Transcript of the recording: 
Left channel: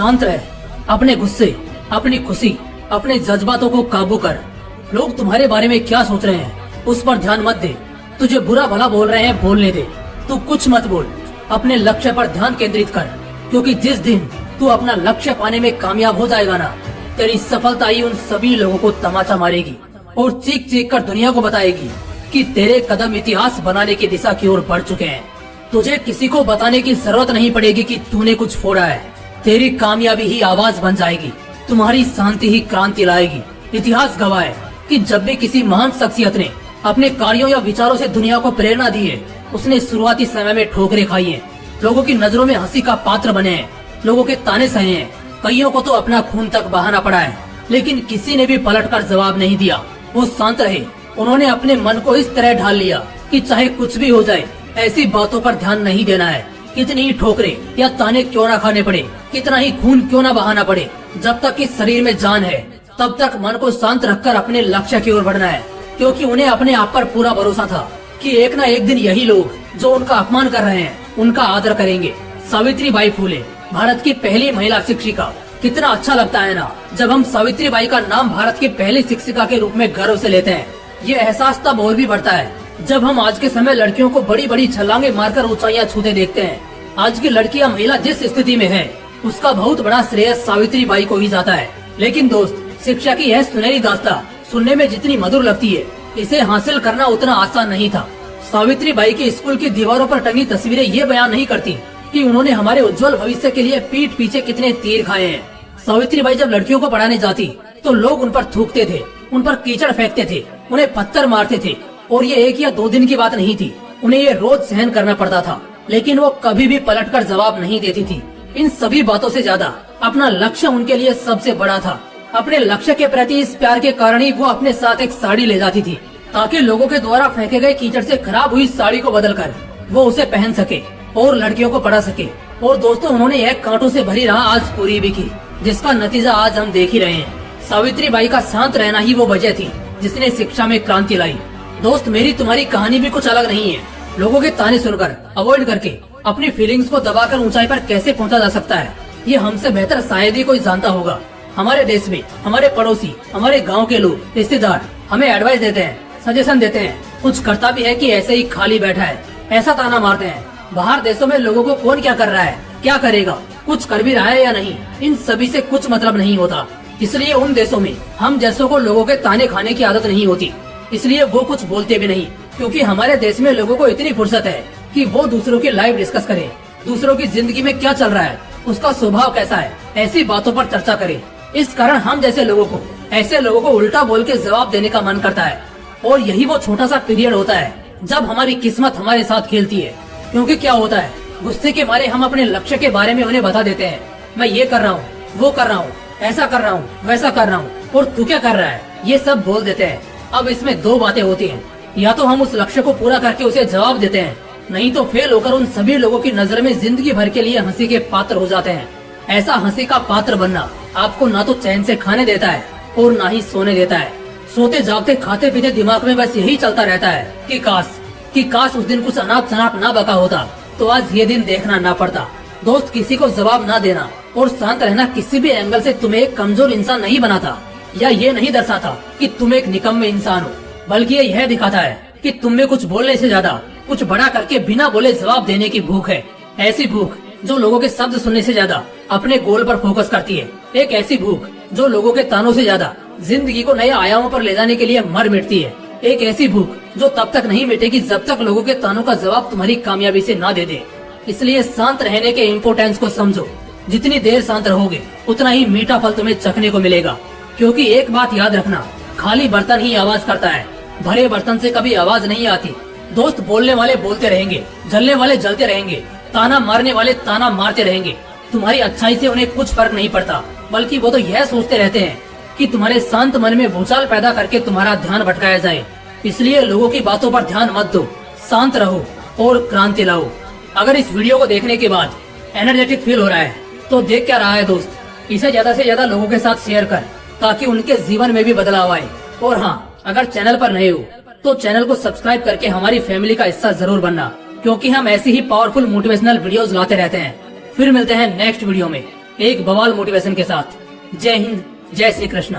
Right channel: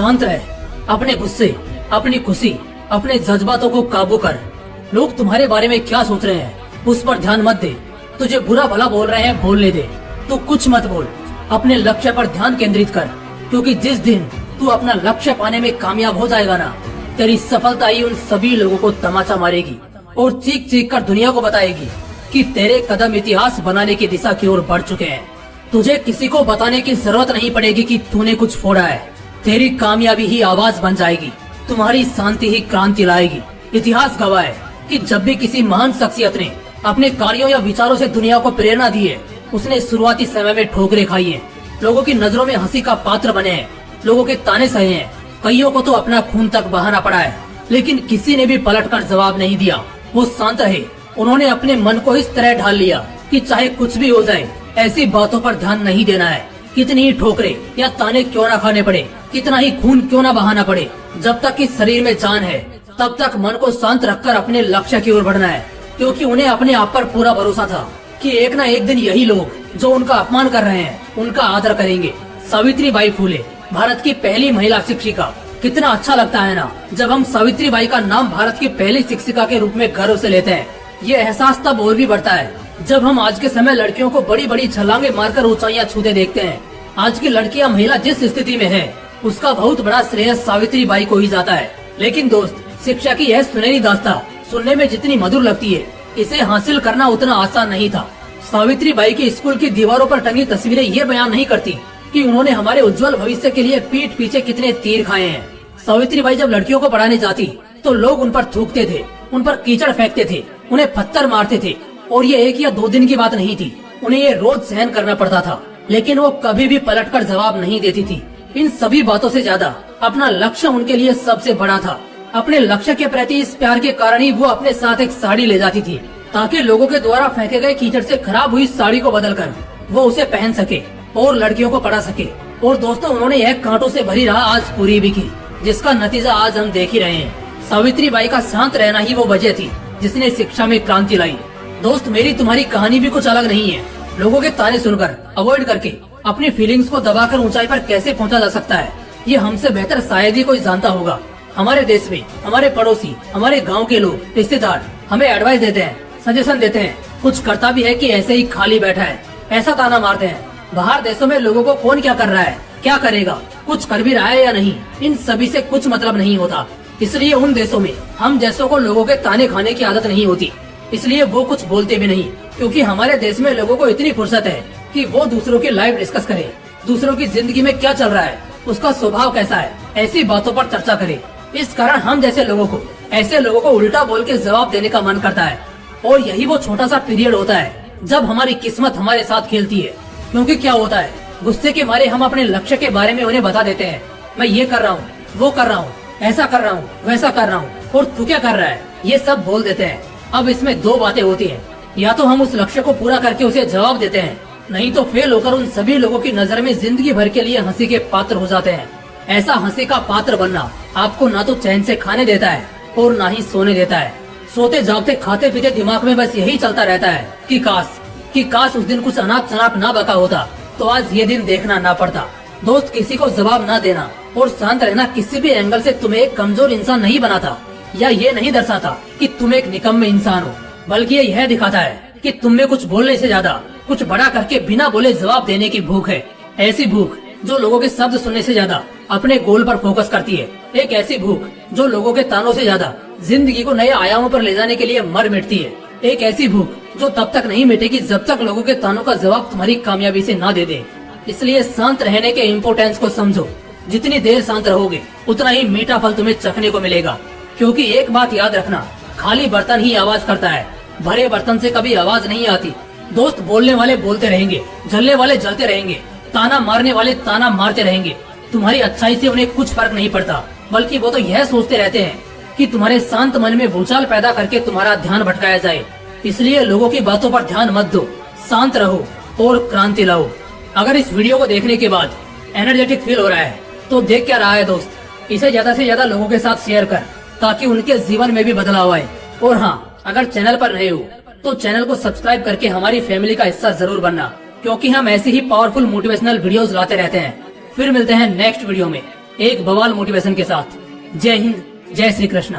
शांत रह, अपने गुस्से, अपनी खुशी, अपने जज्बातों को काबू कर। लोग तुम्हारे बारे में क्या सोच रहे हैं उस पर ध्यान मत दे। तुझे बुरा भला बोल रहे हैं बोलने दे, तू कुछ मत बोल। अपने लक्ष्य पर ध्यान केंद्रित कर, क्योंकि जिस दिन तू अपना लक्ष्य पाने में कामयाब हो जाएगा ना, तेरी सफलता ही उन सभी लोगों को तमाचा मारेगी और चीख चीख कर दुनिया को बताएगी कि तेरे कदम इतिहास बनाने की दिशा की ओर बढ़ चुके हैं। तुझे किसी को बताने की जरूरत नहीं पड़ेगी कि तूने कुछ फोड़ा है। तेरी कामयाबी ही आवाज बन जाएगी, तुम्हारी शांति ही क्रांति लाएगी। इतिहास गवाह है कि जब भी किसी महान शख्सियत ने अपने कार्यों या विचारों से दुनिया को प्रेरणा दी है, उसने शुरुआती समय में ठोकरें खाई हैं, लोगों की नजरों में हंसी का पात्र बने हैं, लोगों के ताने सहे हैं, कईयों को तो अपना खून तक बहाना पड़ा है, लेकिन किसी ने भी पलटकर जवाब नहीं दिया। वो शांत रहे। उन्होंने अपने मन को इस तरह ढाल लिया कि चाहे कुछ भी हो जाए, ऐसी बातों पर ध्यान नहीं देना है। कितनी ही ठोकरें या ताने क्यों ना खाने पड़े, कितना ही खून क्यों ना बहाना पड़े, जब तक कि शरीर में जान है तब तक मन को शांत रखकर अपने लक्ष्य की ओर बढ़ना है। क्योंकि उन्हें अपने आप पर पूरा भरोसा था कि एक न एक दिन यही लोग जो उनका अपमान कर रहे हैं उनका आदर करेंगे। सावित्रीबाई फुले, भारत की पहली महिला शिक्षिका। कितना अच्छा लगता है ना जब हम सावित्रीबाई का नाम भारत की पहली शिक्षिका के रूप में गर्व से लेते हैं। ये एहसास तब और भी बढ़ता है जब हम आज के समय लड़कियों को बड़ी बड़ी छलांगे मारकर ऊंचाइयां छूते देखते हैं। आज की लड़कियां महिला जिस स्थिति में है, उसका बहुत बड़ा श्रेय सावित्रीबाई को ही जाता है। लेकिन दोस्त, शिक्षा की यह सुनहरी दास्तां सुनने में जितनी मधुर लगती है, इसे हासिल करना उतना आसान नहीं था। सावित्रीबाई की स्कूल की दीवारों पर टंगी तस्वीरें ये बयान नहीं करती कि उन्होंने हमारे उज्जवल भविष्य के लिए पीठ पीछे कितने तीर खाए हैं। सावित्रीबाई जब लड़कियों को पढ़ाने जाती तो लोग उन पर थूकते थे, उन पर कीचड़ फेंकते थे, उन्हें पत्थर मारते थे। और ये 1 या 2 दिन की बात नहीं थी, उन्हें ये रोज सहन करना पड़ता था। लेकिन वो कभी भी पलटकर जवाब नहीं देती थी। इन सभी बातों से ज्यादा अपना लक्ष्य उनके लिए सबसे बड़ा था। अपने लक्ष्य के प्रति इस प्यार के कारण ही वो अपने साथ एक साड़ी ले जाती थी, ताकि लोगों के द्वारा फेंके गए कीचड़ से खराब हुई साड़ी को बदलकर वो उसे पहन सके और लड़कियों को पढ़ा सके। और दोस्तों, उन्होंने यह कांटों से भरी राह आज पूरी भी की, जिसका नतीजा आज हम देख ही रहे हैं। सावित्रीबाई का शांत रहना ही वो वजह थी जिसने शिक्षा में क्रांति लाई। दोस्त, मेरी तुम्हारी कहानी भी कुछ अलग नहीं है। लोगों के ताने सुनकर, अवॉइड करके अपनी फीलिंग्स को दबाकर ऊंचाई पर कैसे पहुंचा जा सकता है, ये हमसे बेहतर शायद ही कोई जानता होगा। हमारे देश में हमारे पड़ोसी, हमारे गांव के लोग, रिश्तेदार हमें एडवाइस देते हैं, सजेशन देते हैं, कुछ करता भी है कि ऐसे ही खाली बैठा है, ऐसा ताना मारते हैं। बाहर देशों में लोगों को कौन क्या कर रहा है, क्या करेगा, कुछ कर भी रहा है या नहीं, इन सभी से कुछ मतलब नहीं होता। इसलिए उन देशों में हम जैसों को लोगों के ताने खाने की आदत नहीं होती, इसलिए वो कुछ बोलते भी नहीं। क्योंकि हमारे देश में लोगों को इतनी फुर्सत है कि वो दूसरों की लाइफ डिस्कस करे, दूसरों की जिंदगी में क्या चल रहा है, उसका स्वभाव कैसा है, ऐसी बातों पर चर्चा करे। इस कारण हम जैसे लोगों को ऐसे लोगों को उल्टा बोल के जवाब देने का मन करता है। और यही वो छोटा सा पीरियड होता है जब हमारी किस्मत हमारे साथ खेलती है। क्योंकि क्या होता है, गुस्से के मारे हम अपने लक्ष्य के बारे में उन्हें बता देते हैं, मैं ये कर रहा हूँ, वो कर रहा हूँ, ऐसा कर रहा हूँ, वैसा कर रहा हूँ, और तू क्या कर रहा है, ये सब बोल देते हैं। अब इसमें 2 बातें होती हैं, या तो हम उस लक्ष्य को पूरा करके उसे जवाब देते हैं, नहीं तो फेल होकर उन सभी लोगों की नजर में जिंदगी भर के लिए हंसी के पात्र हो जाते हैं। ऐसा हंसी का पात्र बनना आपको ना तो चैन से खाने देता है और ना ही सोने देता है। सोते जागते खाते पीते दिमाग में बस यही चलता रहता है कि काश उस दिन कुछ अनाप शनाप ना बका होता तो आज ये दिन देखना ना पड़ता। दोस्त, किसी को जवाब ना देना और शांत रहना किसी भी एंगल से तुम्हें एक कमजोर इंसान नहीं बनाता, या ये नहीं दर्शाता कि तुम एक निकम्मे इंसान हो, बल्कि ये यह दिखाता है कि तुम में कुछ बोलने से ज्यादा कुछ बड़ा करके बिना बोले जवाब देने की भूख है। ऐसी भूख जो लोगों के शब्द सुनने से ज्यादा अपने गोल पर फोकस करती है। एक ऐसी भूख जो लोगों के तानों से ज्यादा जिंदगी को नए आयामों पर ले जाने के लिए मर मिटती है। एक ऐसी भूख जो तब तक नहीं मिटेगी जब तक लोगों के तानों का जवाब तुम्हारी कामयाबी से ना दे दे। इसलिए शांत रहने के इम्पोर्टेंस को समझो। जितनी देर शांत रहोगे उतना ही मीठा फल तुम्हें चखने को मिलेगा। क्योंकि एक बात याद रखना, खाली बर्तन ही आवाज करता है, भरे बर्तन से कभी आवाज नहीं आती। दोस्त, बोलने वाले बोलते रहेंगे, जलने वाले जलते रहेंगे, ताना मारने वाले ताना मारते रहेंगे। तुम्हारी अच्छाई से उन्हें कुछ फर्क नहीं पड़ता, बल्कि वो तो यह सोचते रहते हैं कि तुम्हारे शांत मन में भूचाल पैदा करके तुम्हारा ध्यान भटकाया जाए। इसलिए लोगों की बातों पर ध्यान मत दो, शांत रहो और क्रांति लाओ। अगर इस वीडियो को देखने के बाद एनर्जेटिक फील हो रहा है तो देख क्या रहा है दोस्त, इसे ज्यादा से ज्यादा लोगों के साथ शेयर कर, ताकि उनके जीवन में भी बदलाव आए। और हाँ, अगर चैनल पर नए हो तो चैनल को सब्सक्राइब करके हमारी फैमिली का हिस्सा जरूर बनना, क्योंकि हम ऐसे ही पावरफुल मोटिवेशनल वीडियोस लाते रहते हैं। फिर मिलते हैं नेक्स्ट वीडियो में। एक बवाल मोटिवेशन के साथ। जय हिंद, जय श्री कृष्ण।